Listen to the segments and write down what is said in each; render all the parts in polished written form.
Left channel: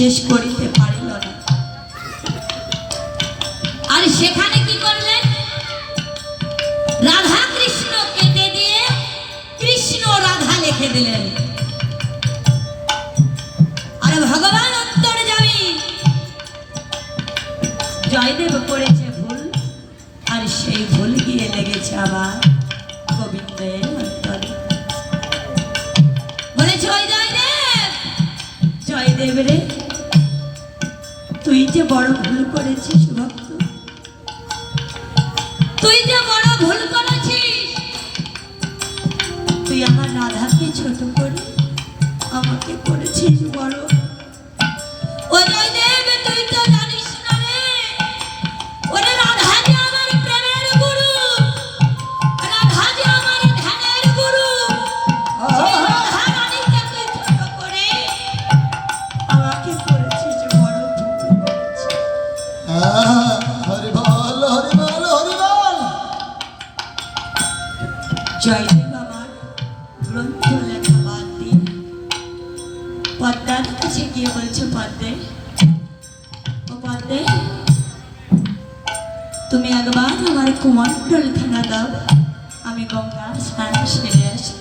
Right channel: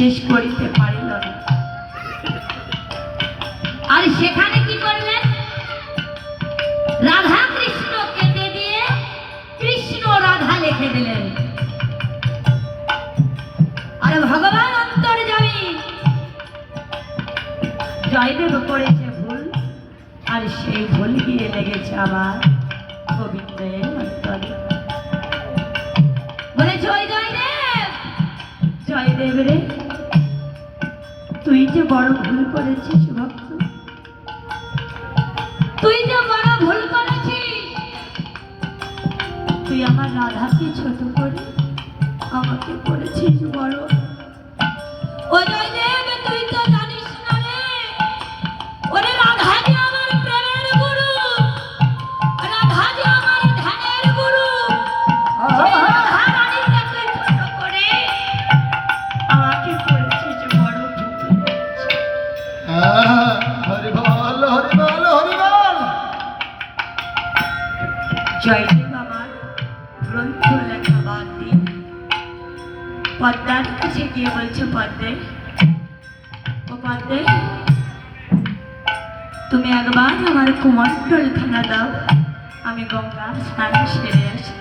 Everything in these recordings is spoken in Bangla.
শেষ করিতে পারিল না। আর সেখানে কি করলেন, রাধা কৃষ্ণ কেটে দিয়ে কৃষ্ণ রাধা লিখে দিলেন। আর ভগবান অন্তরে যাবি, জয়দেব করেছে ভুল, আর সেই ভুল গিয়ে লেগেছে আবার গোবিন্দের অন্তরে। বলেছে ওই জয়দেব, জয়দেব রে, তুই যে বড় ভুল করেছিস ভক্ত, তুই যে বড় ভুল করেছিস। তুই আমার রাধাকে ছোট করে আমাকে করেছিস বড়। ও জয়দেব, তুই তো জানিস না রে, ওরে রাধা যে আমার প্রেমের গুরু, রাধা যে আমার ধ্যানের গুরু। সেই রাধা রানীকে তুই ছোট করে আমাকে করেছিস বড় ভুল। হরি বল, হরি বল, হরি বল। জয়দেব আমার গ্রন্থ লেখা বাদ দিয়ে পদ্মার কাছে গিয়ে বলছে, পদ্মে, ও পদ্মে, তুমি একবার আমার কুমণ্ডল খানা দাও, আমি গঙ্গার স্নান সেরে আসি।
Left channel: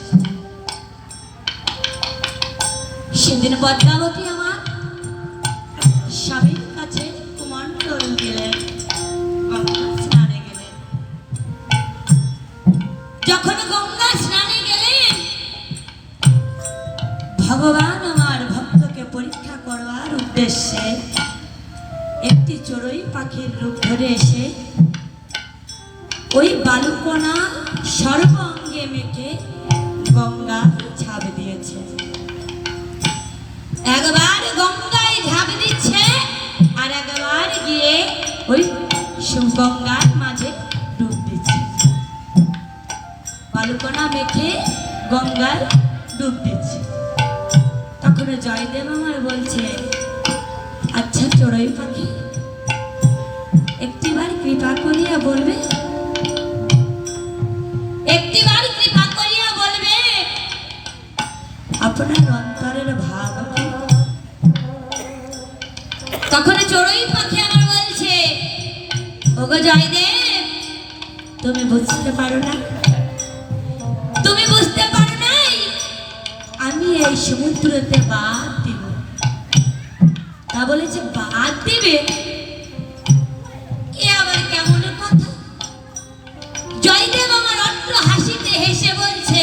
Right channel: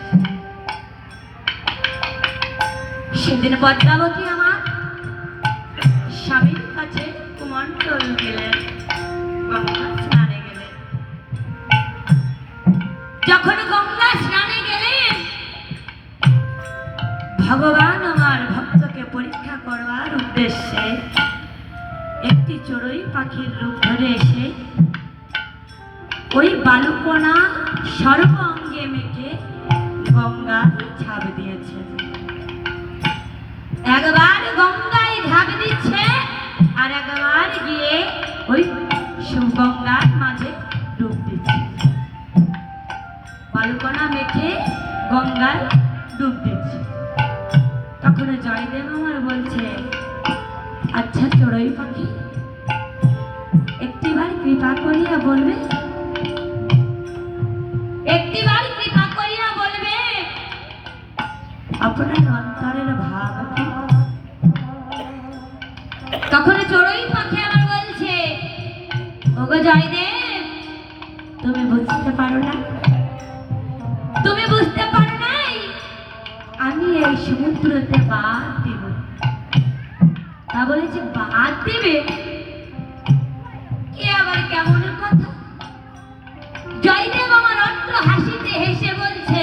সেদিন পদ্মাবতী আমার স্বামীর কাছে কুমণ্ডল দিলেন, গঙ্গার স্নানে গেলেন। যখন গঙ্গা স্নানে গেলেন, ভগবান আমার ভক্তকে পরীক্ষা করবার উদ্দেশ্যে একটি চড়ুই পাখির রূপ ধরে এসে ওই বালুকণা সর্ব অঙ্গে মেখে গঙ্গা ঝাঁপ দিয়েছে। একবার গঙ্গায় ঝাঁপ দিচ্ছে, আর একবার গিয়ে ওই গঙ্গার মাঝে ডুব দিচ্ছে। বালুকণা মেখে গঙ্গায় ডুব দিচ্ছে। তখন জয়দেব আমার বলছে, আচ্ছা চড়ুই পাখি, একটিবার কৃপা করিয়া বলবে, একটিবার কৃপা করিয়া বলবে আপনার অন্তরের ভাব কি? তখন চড়ুই পাখি আমার বলছে, ওগো জয়দেব, তুমি বুঝতে পারো না, তুমি বুঝতে পারো নাই, আমি এই সমুদ্রতে বাদ দিব। তা বলেছে বাদ দিবে, এ আবার কেমন কথা? জয়দেব আমার অট্ট হাসিতে হেসে বলছে,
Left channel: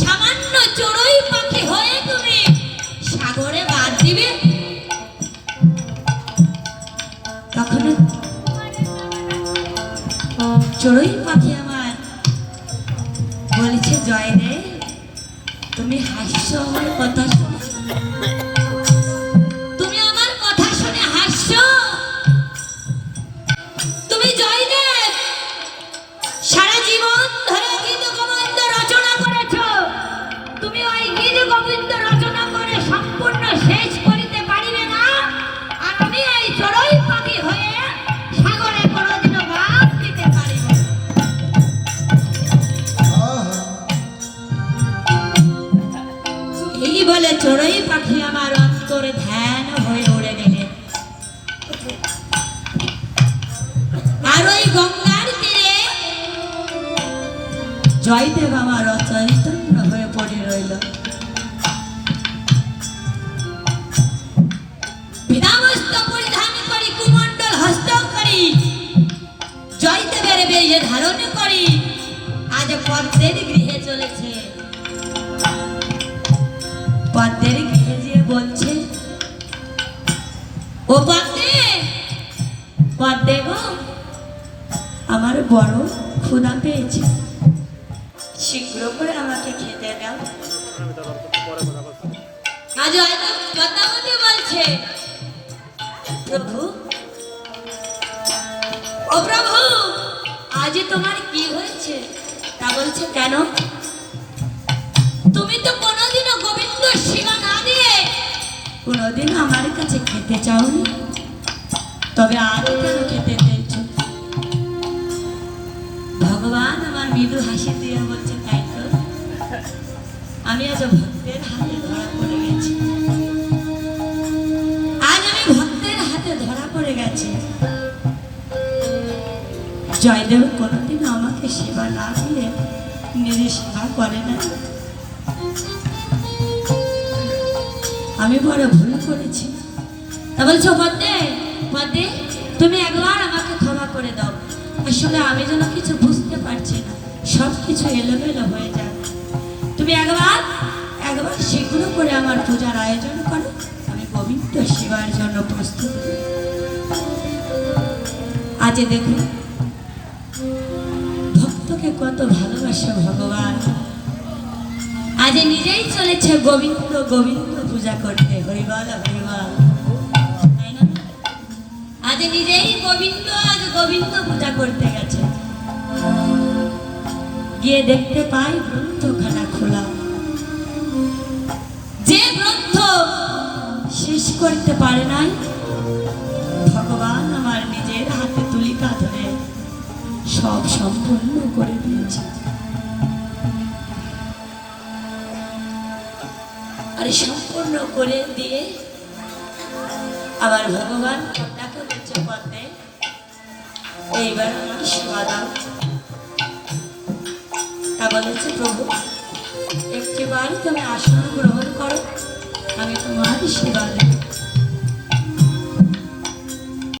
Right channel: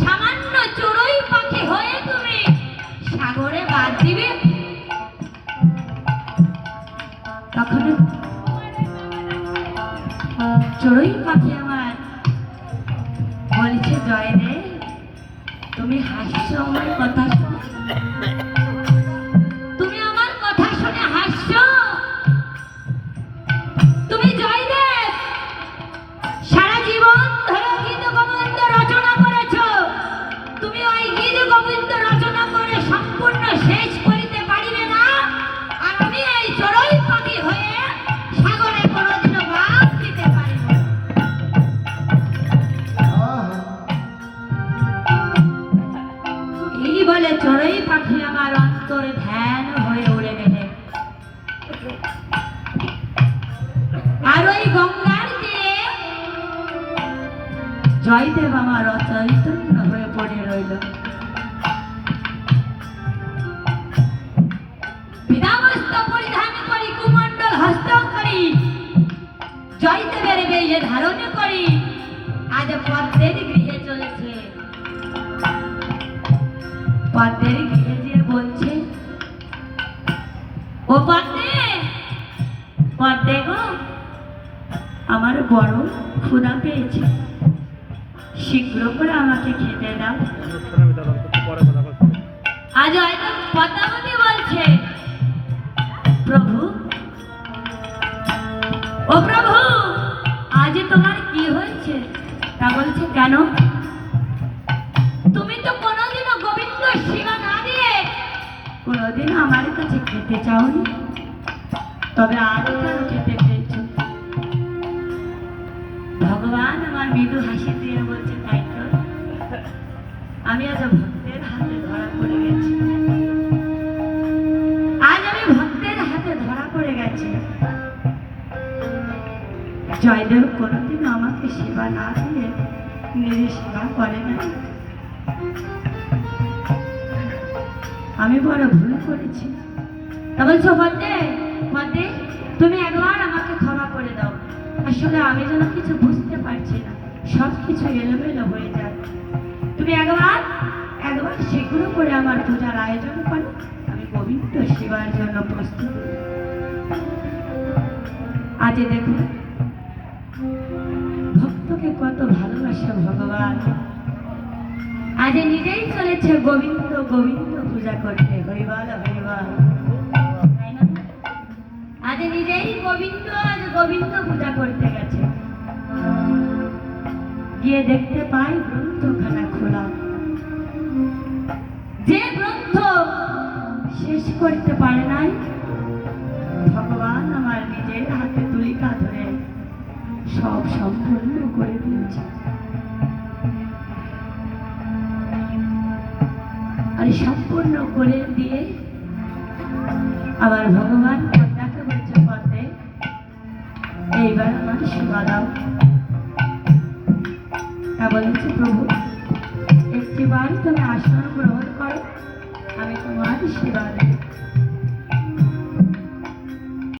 সামান্য চড়ুই পাখি হয়ে তুমি সাগরে বাদ দিবে? তখন চড়ুই পাখি আমার বলছে, জয়দেব, তুমি হাসছো আমার কথা শুনে, তুমি আমার কথা শুনে হাসছো। তুমি জয়দেব সারা জীবন ধরে গীত গোবিন্দ রচনা করেছো, তুমি ওই গীত গোবিন্দ রচনা করে সম্পূর্ণ শেষ করিতে পারিবে না, আর আমি এই চড়ুই পাখি হয়ে সাগরে কোনোদিনও বাদ দিতে পারি না। এই বলে চড়ুই পাখি আমার অন্তরে ধ্যান হয়ে উড়ে গেলেন। আর ওই গঙ্গার তীরে জয়দেব আমার অচৈতন্য হয়ে পড়ে রইল। বিনাবস্ত্র পরিধান করি, কুমণ্ডল হস্ত করি, জয়দেবের বেশে ধারণ করি, আজ পদ্মের গৃহে চলেছে। পদ্মের গৃহে যেয়ে বলছে, ও পদ্মে, পদ্মে গো, আমার বড় ক্ষুধা পেয়েছে, শীঘ্র করে আমাকে খেতে দাও। আজ হয়তো পদ্মাবতী বলছে, প্রভু, ও প্রভু, আজ তোমার কি হয়েছে? তা বলছে, কেন? তুমি তো কোনোদিনও গোবিন্দ সেবা না দিয়ে কোনোদিনও আমার কাছে খেতে চাওনি, তবে আজ কেন খেতে চেয়েছো? ভগবান আমার মৃদু হাসি দিয়ে বলছে, তাই তো, আমি আজ ভক্তের হাতে ধরা পড়ে গেছি। জয়দেব কোনোদিন আমাকে সেবা না দিয়ে নিজে সেবা করে না। আমি বড় ভুল করেছি। তা বলছো বন্দে বন্দে, তুমি একবার আমাকে ক্ষমা করে দাও। আসলে আমি যেন কিছু বুঝতে পারছি না, সব কিছু এলোমেলো হয়ে যায়। তুমি একবার শীঘ্র করে আমার পূজার আয়োজন করো, আমি গোবিন্দ সেবার জন্য প্রস্তুত। আজ দেখুন ভক্তকে কত ভালোবাসে ভগবান, আজ নিজেই চলেছে গোবিন্দ গোবিন্দ পূজা করতে। হরিবল হরিবল, তাই না? আজ নিজেই গোবিন্দ গোবিন্দ পূজা করতে গেছে। গিয়ে দেখতে পাই গ্রন্থখানা খোলা। যে গ্রন্থ শেষ করতে পারে নাই, ভগবান আমার নিজের হাতে তুলিকা ধরে সব সম্পূর্ণ করে দিয়েছে। আর সম্পূর্ণ করে দিয়ে আবার ভগবান কন্যাকে বলছে পথে, এইবার আমার সেবা দাও। তা বলেছে প্রভু, একটিবার তুমি আসন গ্রহণ করো, আমি তোমার সেবা দেব।